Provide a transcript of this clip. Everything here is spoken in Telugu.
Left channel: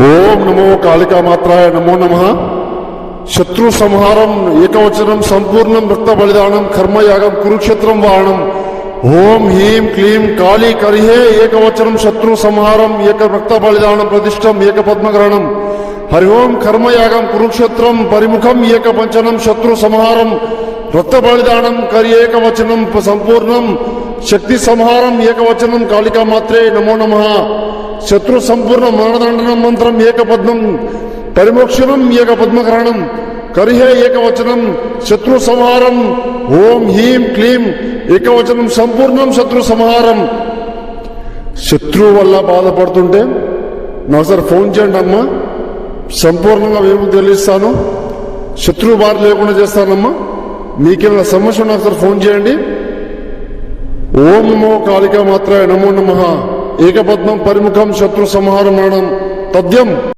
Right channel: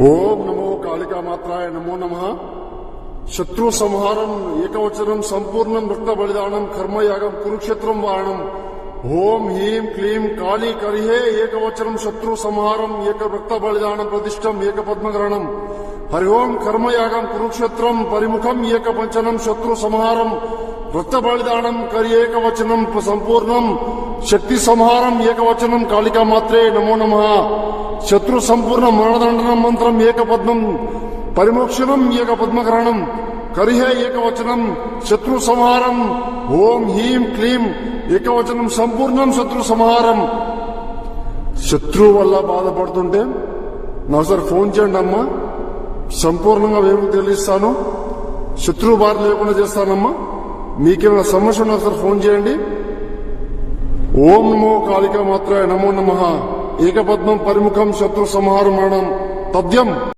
ఓం నమో కాళికా మాత్రాయ నమో నమః. శత్రు సంహారం ఏకవచనం సంపూర్ణం రక్త బలిదానం కర్మయాగం కురుక్షేత్రం వాహనం. ఓం హ్రీం క్లీం కాళీ కరిహే ఏకవచనం శత్రు సంహారం ఏక రక్త బలిదానం ప్రతిష్టం ఏక పద్మగ్రహణం. హరి ఓం కర్మయాగం కురుక్షేత్రం పరిముఖం ఏక పంచనం శత్రు సంహారం రక్త బలిదానం కరి ఏకవచనం సంపూర్ణం శక్తి సంహారం ఏకవచనం కాళికా మాత్రే నమో నమః. శత్రు సంపూర్ణ మరణదండనం మంత్రం ఏకపద్మం పరిమోక్షణం ఏక పద్మగ్రహణం కరిహే ఏకవచనం శత్రు సంహారం. ఓం హ్రీం క్లీం ఏకవచనం సంపూర్ణం శత్రు సంహారం. శత్రువు వల్ల బాధపడుతుంటే నాసారి ఫోన్ చేయండి అమ్మా, సంపూర్ణంగా మేము తెలియస్తాను, శత్రువు బాధ లేకుండా చేస్తానమ్మా. మీకేమైనా సమస్య ఉన్నా సార్ ఫోన్ చేయండి. ఓం నమో కాళికా మాత్రాయ నమో నమః. ఏకపద్మం పరిముఖం శత్రు సంహారం తథ్యం.